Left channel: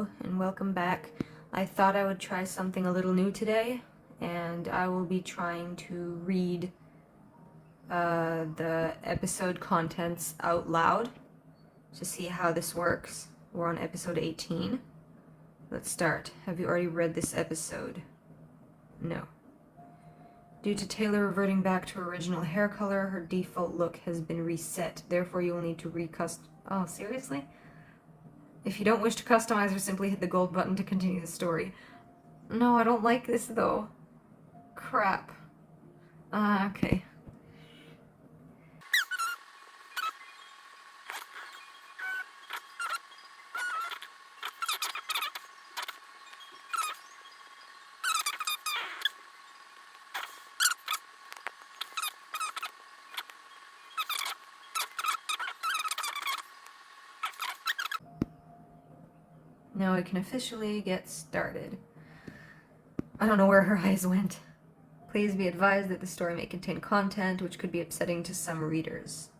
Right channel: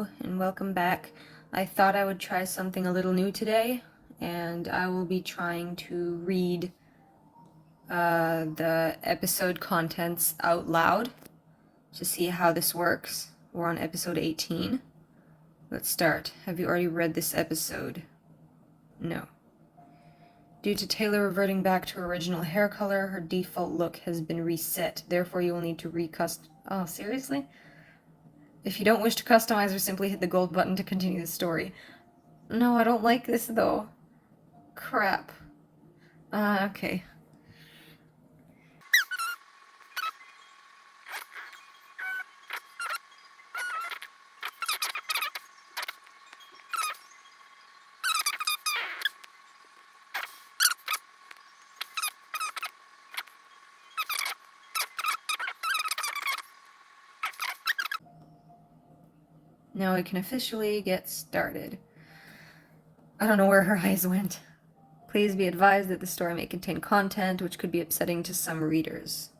And welcome back. I thought I would try something a little new today, and I will be trying to read the episode contents out loud to see how this works. We're on episode 18. Let's start. Have you already read this episode? No. Due to Taylor reverting back to her original hair color, her default look has been reset. Therefore, you will need to Oh, seriously? If you don't wish to customize, or simply hit the gold button to continue the story. No, I don't like this, though. Crap. Okay. Now we can officially get started. I don't know where her eyes went. Please be advised that the story may contain content which could be upsetting to some readers.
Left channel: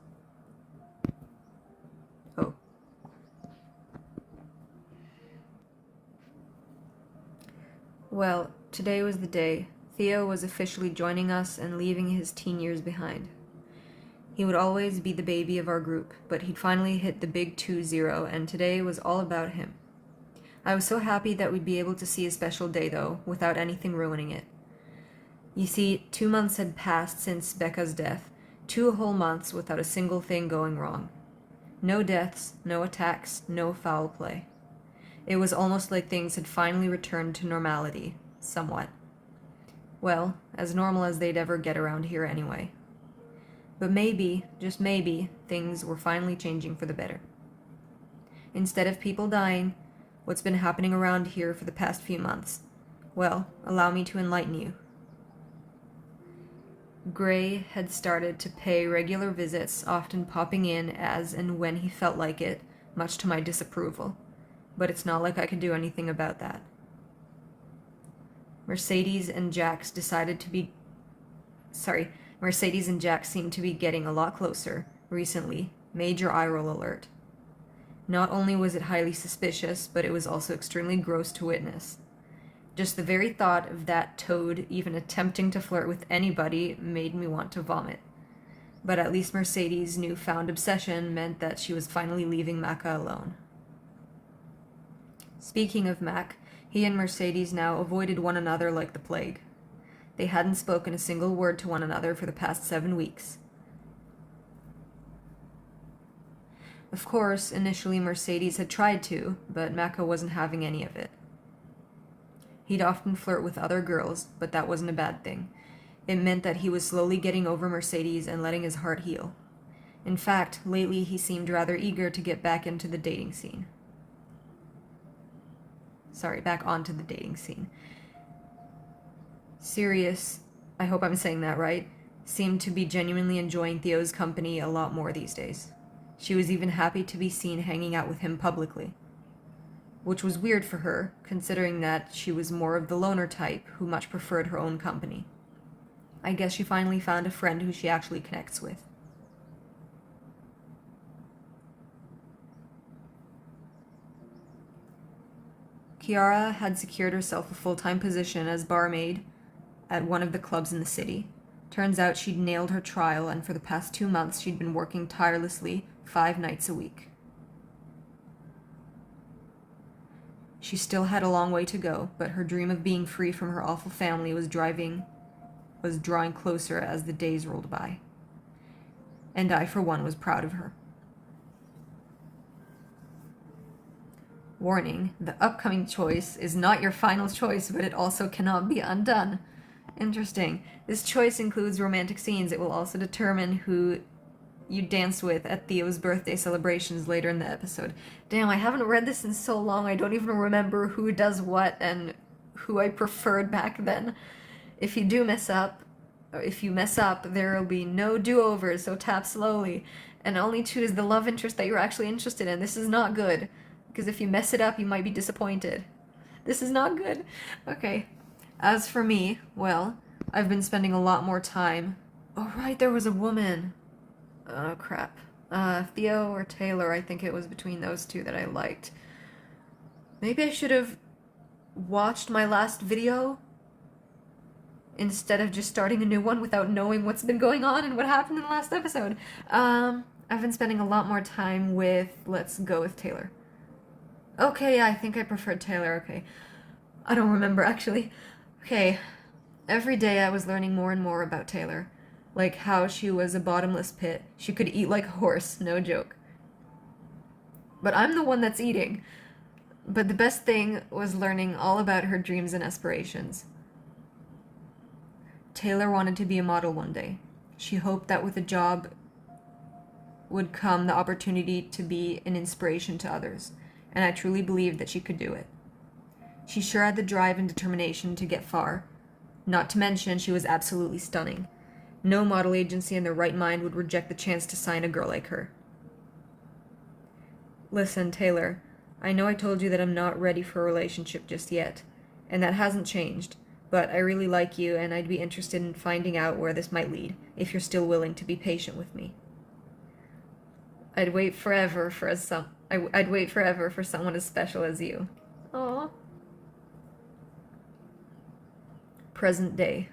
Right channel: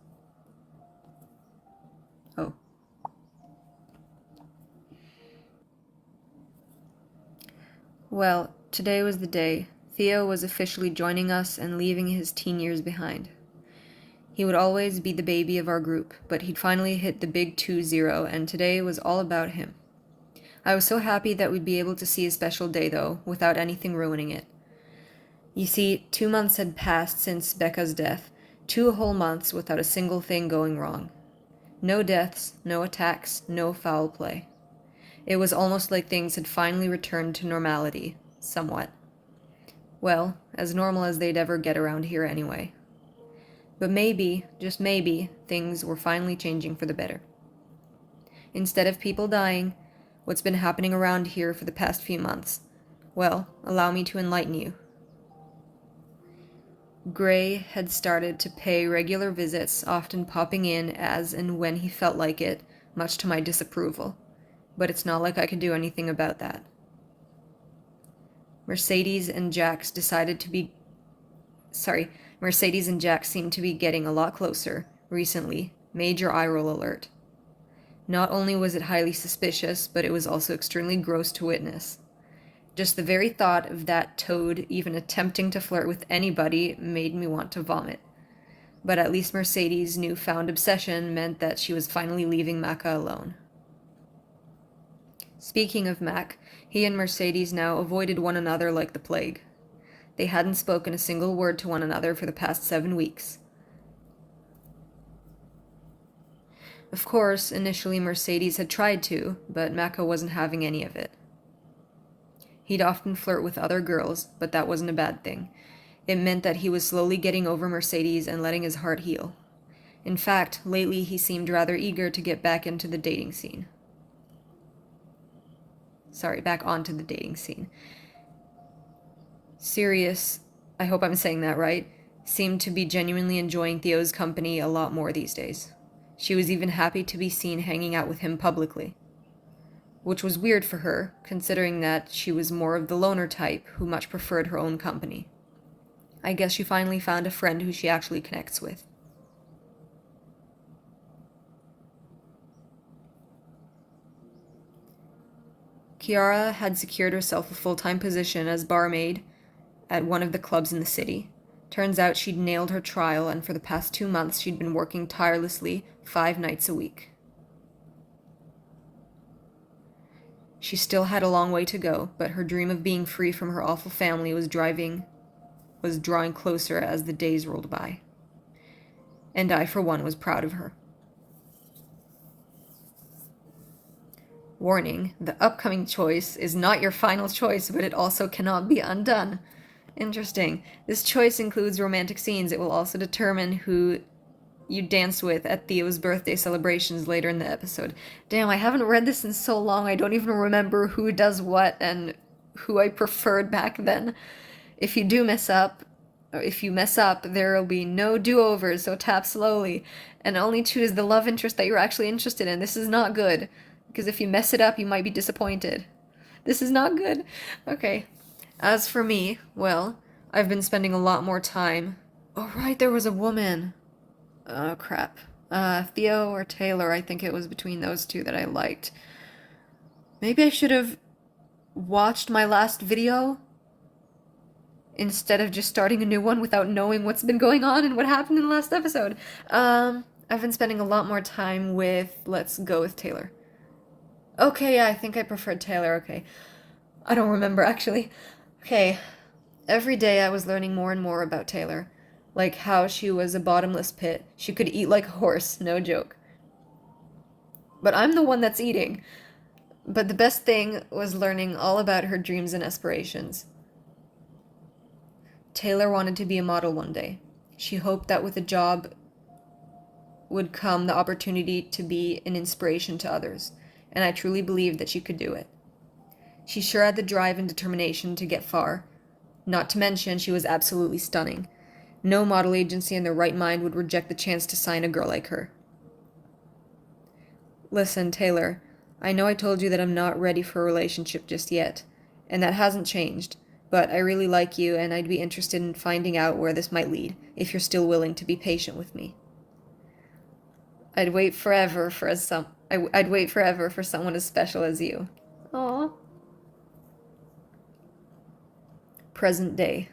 Oh. Well, today was the day. Theo was officially joining us and leaving his teen years behind. He would always be the baby of our group, but he'd finally hit the big 2-0, and today was all about him. I was so happy that we'd be able to see a special day, though, without anything ruining it. You see, 2 months had passed since Becca's death, 2 whole months without a single thing going wrong. No deaths, no attacks, no foul play. It was almost like things had finally returned to normality, somewhat. Well, as normal as they'd ever get around here anyway. But maybe, just maybe, things were finally changing for the better. Instead of people dying, what's been happening around here for the past few months? Well, allow me to enlighten you. Gray had started to pay regular visits, often popping in as and when he felt like it, much to my disapproval. But it's not like I could do anything about that. Mercedes and Jack seemed to be getting a lot closer, recently. Major eye roll alert. Not only was it highly suspicious, but it was also extremely gross to witness. Just the very thought of that toad even attempting to flirt with anybody made me want to vomit. But at least Mercedes' newfound obsession meant that she was finally leaving Macca alone. Speaking of Mac, he and Mercedes now avoided one another like the plague. They hadn't spoken a single word to one another for the past 7 weeks. Of course, initially Mercedes had tried to, but Macca wasn't having any of it. He'd often flirt with other girls, but that wasn't a bad thing. It meant that he was slowly getting over Mercedes and letting his heart heal. In fact, lately he seemed rather eager to get back onto the dating scene. Sirius, I hope I'm saying that right, seemed to be genuinely enjoying Theo's company a lot more these days. She was even happy to be seen hanging out with him publicly. Which was weird for her, considering that she was more of the loner type who much preferred her own company. I guess she finally found a friend who she actually connects with. Kiara had secured herself a full-time position as barmaid at one of the clubs in the city. Turns out she'd nailed her trial, and for the past 2 months she'd been working tirelessly 5 nights a week. She still had a long way to go, but her dream of being free from her awful family was drawing closer as the days rolled by. And I, for one, was proud of her. Warning, the upcoming choice is not your final choice, but it also cannot be undone. Interesting. This choice includes romantic scenes. It will also determine who you danced with at Theo's birthday celebrations later in the episode. Damn, I haven't read this in so long, I don't even remember who does what and who I preferred back then. If you mess up, there will be no do-overs, so tap slowly. And only choose the love interest that you're actually interested in. This is not good, because if you mess it up, you might be disappointed. This is not good. Okay. As for me, well, I've been spending a lot more time... Oh, right, there was a woman. Oh, crap. Theo or Taylor, I think it was between those two that I liked. Maybe I should have watched my last video instead of just starting a new one without knowing what's been going on and what happened in the last episode. I've been spending a lot more time with, let's go with Taylor. Okay, yeah, I think I preferred Taylor, okay. I don't remember, actually. Okay, every day I was learning more and more about Taylor. Like how she was a bottomless pit. She could eat like a horse, no joke. But I'm the one that's eating. But the best thing was learning all about her dreams and aspirations. Taylor wanted to be a model one day. She hoped that with a job would come the opportunity to be an inspiration to others, and I truly believed that she could do it. She sure had the drive and determination to get far. Not to mention, she was absolutely stunning. No model agency in their right mind would reject the chance to sign a girl like her. Listen, Taylor, I know I told you that I'm not ready for a relationship just yet, and that hasn't changed, but I really like you and I'd be interested in finding out where this might lead, if you're still willing to be patient with me. I'd wait forever for someone as special as you. Aww. Present day.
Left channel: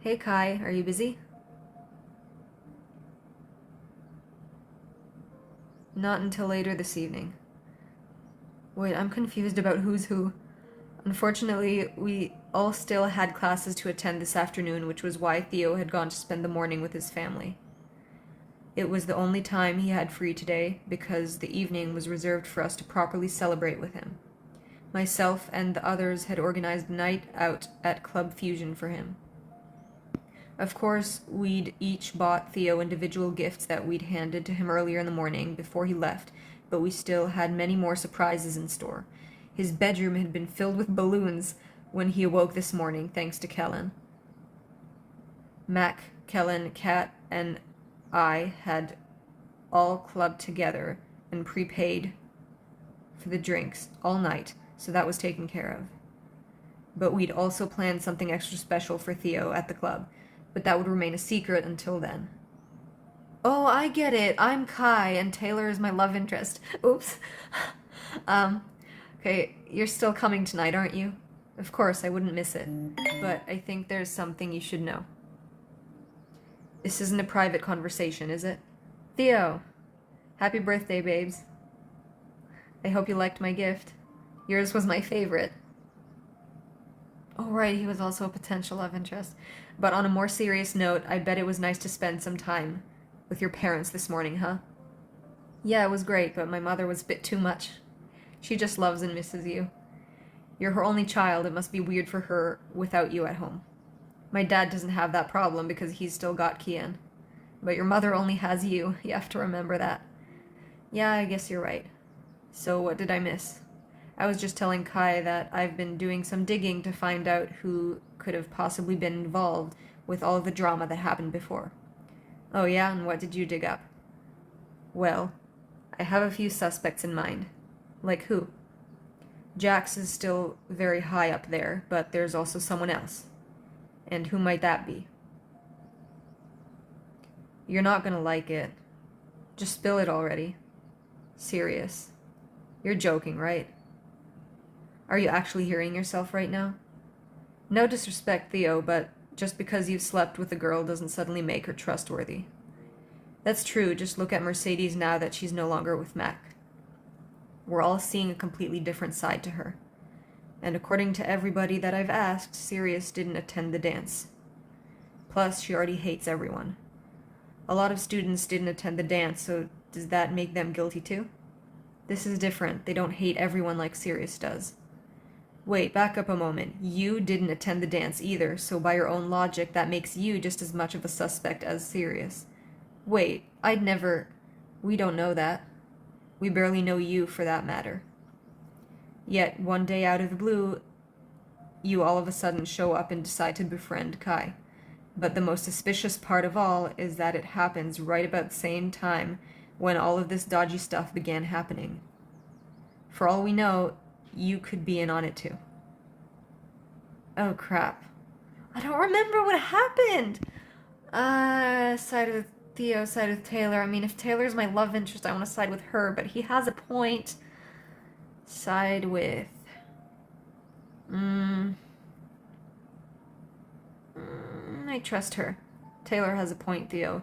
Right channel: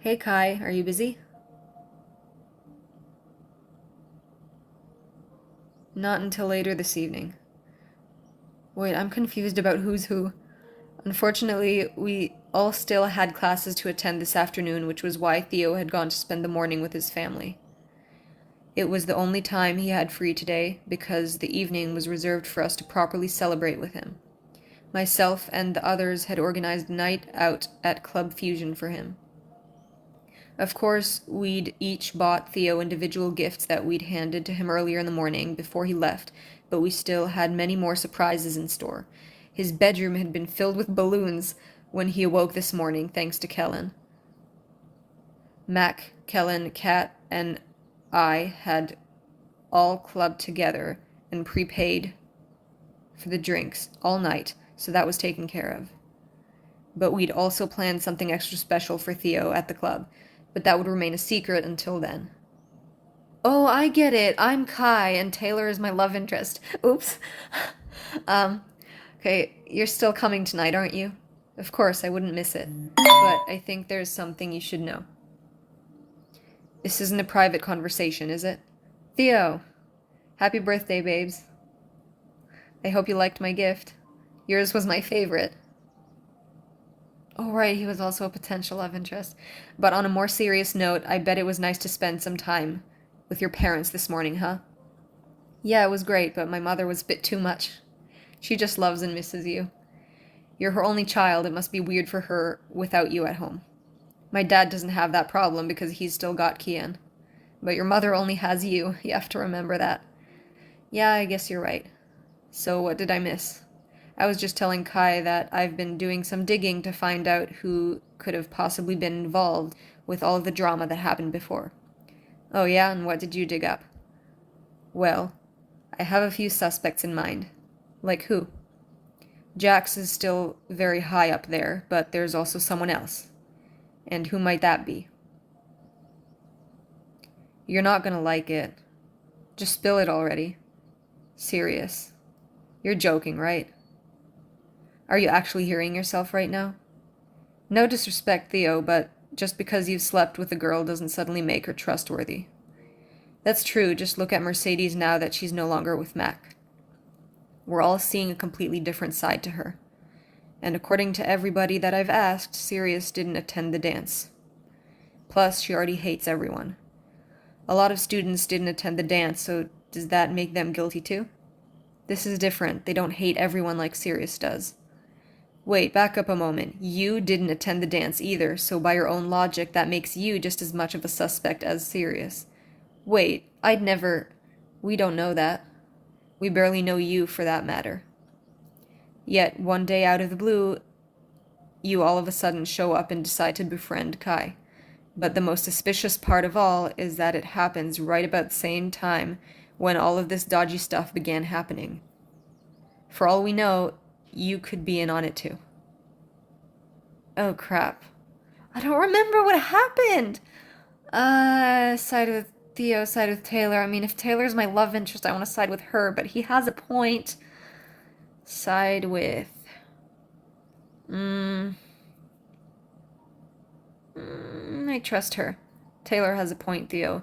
Hey Kai, are you busy? Not until later this evening. Wait, I'm confused about who's who. Unfortunately, we all still had classes to attend this afternoon, which was why Theo had gone to spend the morning with his family. It was the only time he had free today, because the evening was reserved for us to properly celebrate with him. Myself and the others had organized a night out at Club Fusion for him. Of course, we'd each bought Theo individual gifts that we'd handed to him earlier in the morning before he left, but we still had many more surprises in store. His bedroom had been filled with balloons when he awoke this morning, thanks to Kellen. Mac, Kellen, Kat, and I had all clubbed together and prepaid for the drinks all night, so that was taken care of. But we'd also planned something extra special for Theo at the club, but that would remain a secret until then. Oh, I get it. I'm Kai, and Taylor is my love interest. Oops. Okay, you're still coming tonight, aren't you? Of course, I wouldn't miss it. But I think there's something you should know. This isn't a private conversation, is it? Theo! Happy birthday, babes. I hope you liked my gift. Yours was my favorite. Oh, right, he was also a potential love interest. But on a more serious note, I bet it was nice to spend some time with your parents this morning, huh? Yeah, it was great, but my mother was a bit too much. She just loves and misses you. You're her only child. It must be weird for her without you at home. My dad doesn't have that problem because he's still got Kian. But your mother only has you. You have to remember that. Yeah, I guess you're right. So what did I miss? I was just telling Kai that I've been doing some digging to find out who could have possibly been involved with all of the drama that happened before. Oh yeah, and what did you dig up? Well, I have a few suspects in mind. Like who? Jax is still very high up there, but there's also someone else. And who might that be? You're not gonna like it. Just spill it already. Serious. You're joking, right? Are you actually hearing yourself right now? No disrespect, Theo, but just because you've slept with a girl doesn't suddenly make her trustworthy. That's true, just look at Mercedes now that she's no longer with Mac. We're all seeing a completely different side to her. And according to everybody that I've asked, Sirius didn't attend the dance. Plus, she already hates everyone. A lot of students didn't attend the dance, so does that make them guilty too? This is different. They don't hate everyone like Sirius does. Wait, back up a moment. You didn't attend the dance either, so by your own logic, that makes you just as much of a suspect as Sirius. Wait, I'd never... We don't know that. We barely know you, for that matter. Yet, one day out of the blue, you all of a sudden show up and decide to befriend Kai. But the most suspicious part of all is that it happens right about the same time when all of this dodgy stuff began happening. For all we know, you could be in on it too. Oh crap. I don't remember what happened! Sighed with Theo side with Taylor. I mean, if Taylor's my love interest, I want to side with her, but he has a point. Side with... I trust her. Taylor has a point, Theo.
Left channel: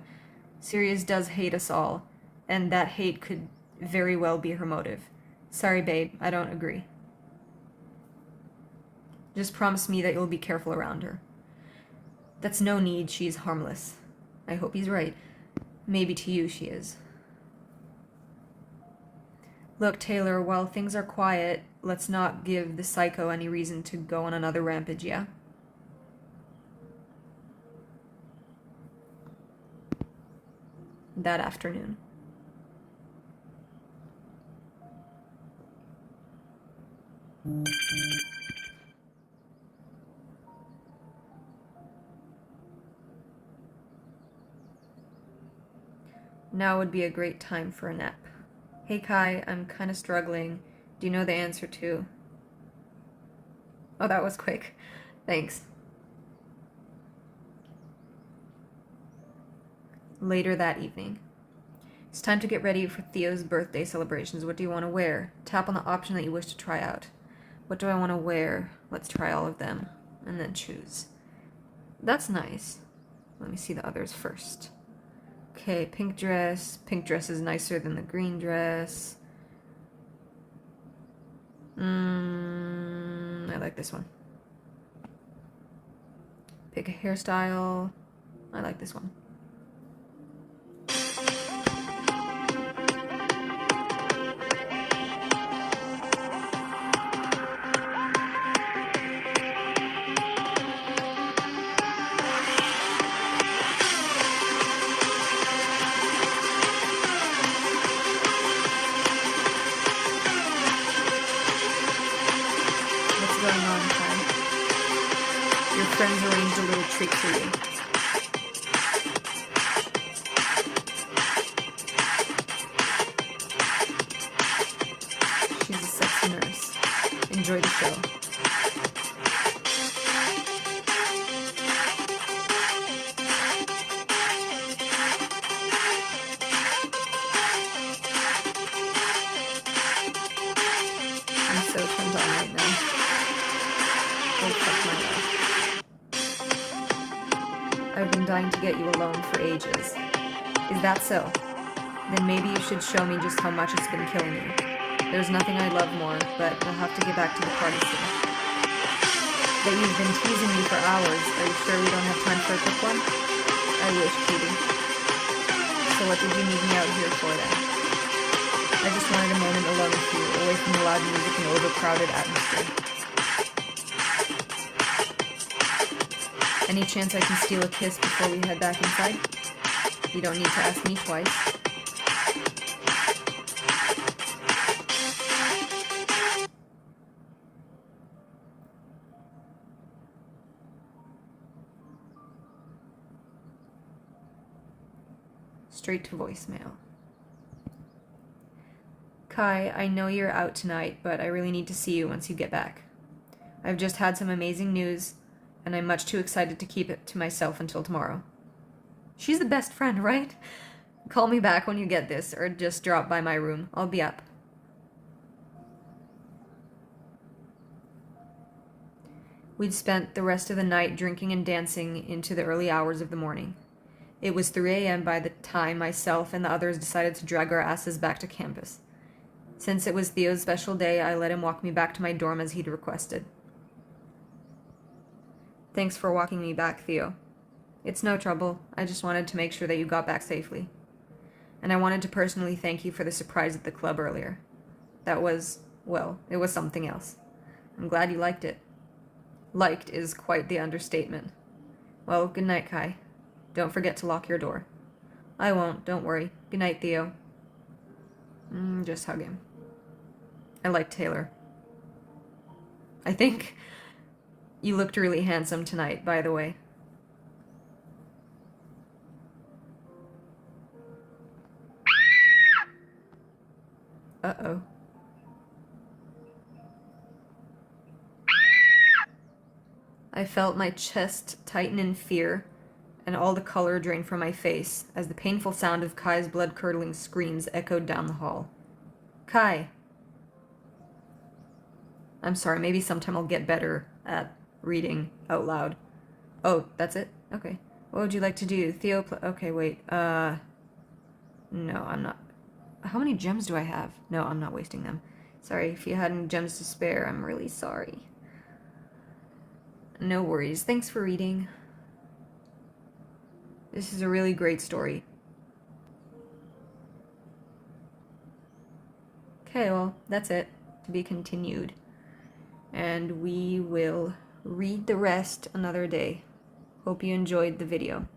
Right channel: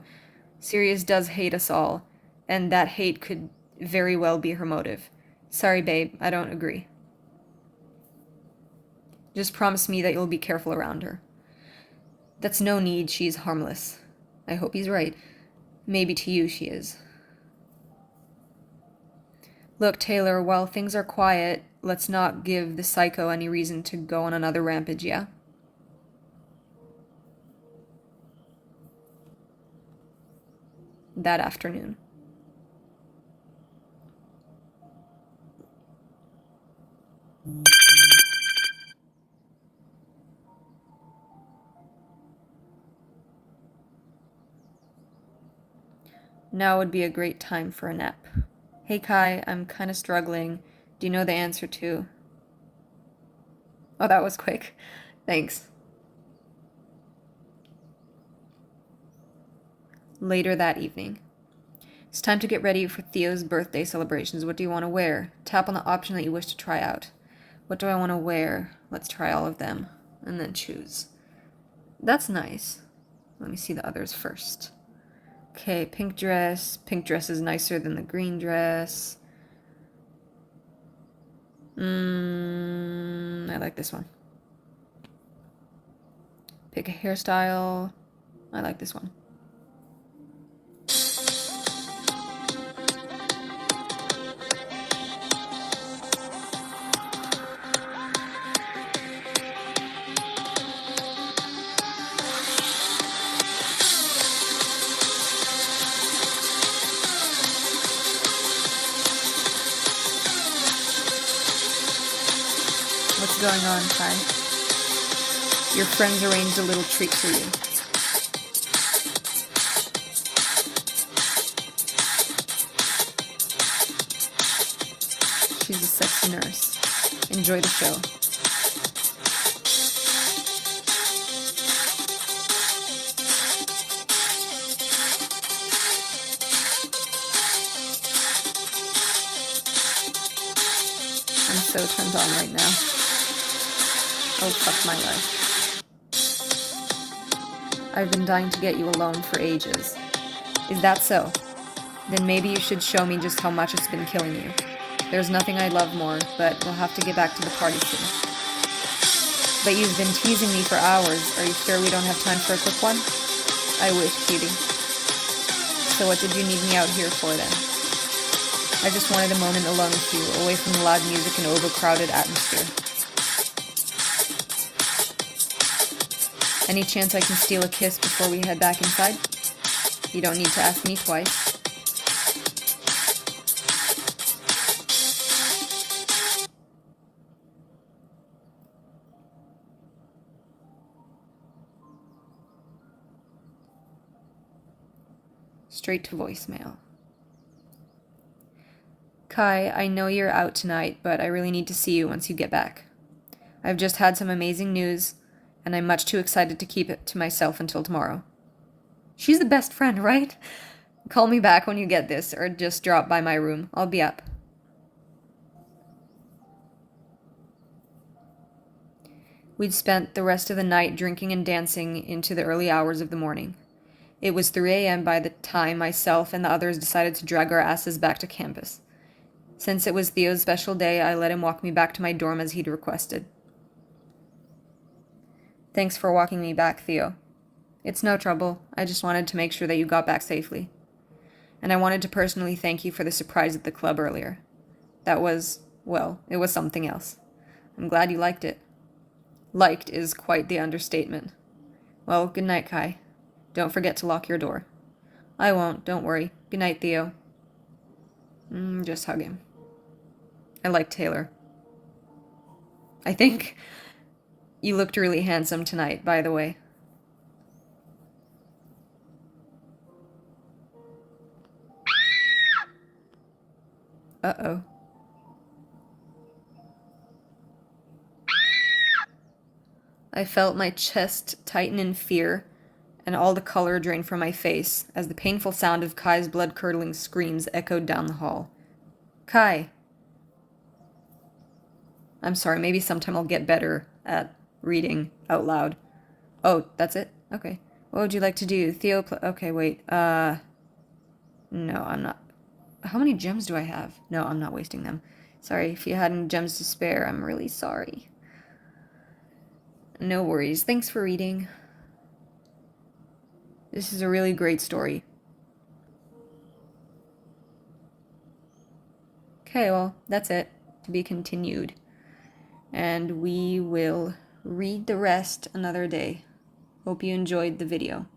Sirius does hate us all, and that hate could very well be her motive. Sorry, babe, I don't agree. Just promise me that you'll be careful around her. That's no need, she's harmless. I hope he's right. Maybe to you she is. Look, Taylor, while things are quiet, let's not give the psycho any reason to go on another rampage, yeah? That afternoon. Now would be a great time for a nap. Hey Kai, I'm kinda struggling. Do you know the answer to... Oh, that was quick. Thanks. Later that evening. It's time to get ready for Theo's birthday celebrations. What do you want to wear? Tap on the option that you wish to try out. What do I want to wear? Let's try all of them. And then choose. That's nice. Let me see the others first. Okay, pink dress. Pink dress is nicer than the green dress. I like this one. Pick a hairstyle. I like this one. What's going on, Kai? Your friends arranged a little treat for you. She's a sexy nurse. Enjoy the show. I'm so turned on right now. Oh, fuck my life. I've been dying to get you alone for ages. Is that so? Then maybe you should show me just how much it's been killing you. There's nothing I love more, but I'll have to get back to the party soon. But you've been teasing me for hours. Are you sure we don't have time for a quick one? I wish, Petey. So what did you need me out here for then? I just wanted a moment alone with you, away from the loud music and overcrowded atmosphere. Any chance I can steal a kiss before we head back inside? You don't need to ask me twice. Straight to voicemail. Kai, I know you're out tonight, but I really need to see you once you get back. I've just had some amazing news, and I'm much too excited to keep it to myself until tomorrow. She's the best friend, right? Call me back when you get this, or just drop by my room. I'll be up. We'd spent the rest of the night drinking and dancing into the early hours of the morning. It was 3 a.m. by the time myself and the others decided to drag our asses back to campus. Since it was Theo's special day, I let him walk me back to my dorm as he'd requested. Thanks for walking me back, Theo. It's no trouble. I just wanted to make sure that you got back safely. And I wanted to personally thank you for the surprise at the club earlier. That was, well, it was something else. I'm glad you liked it. Liked is quite the understatement. Well, good night, Kai. Don't forget to lock your door. I won't, don't worry. Good night, Theo. Just hug him. I like Taylor. I think you looked really handsome tonight, by the way. Uh-oh. I felt my chest tighten in fear and all the color drained from my face as the painful sound of Kai's blood-curdling screams echoed down the hall. Kai! I'm sorry, maybe sometime I'll get better at reading out loud. Oh, that's it? Okay. What would you like to do? Theo, okay, wait. No, I'm not. How many gems do I have? No, I'm not wasting them. Sorry, if you had any gems to spare, I'm really sorry. No worries. Thanks for reading. This is a really great story. Okay, well, that's it. To be continued. And we will read the rest another day. Hope you enjoyed the video.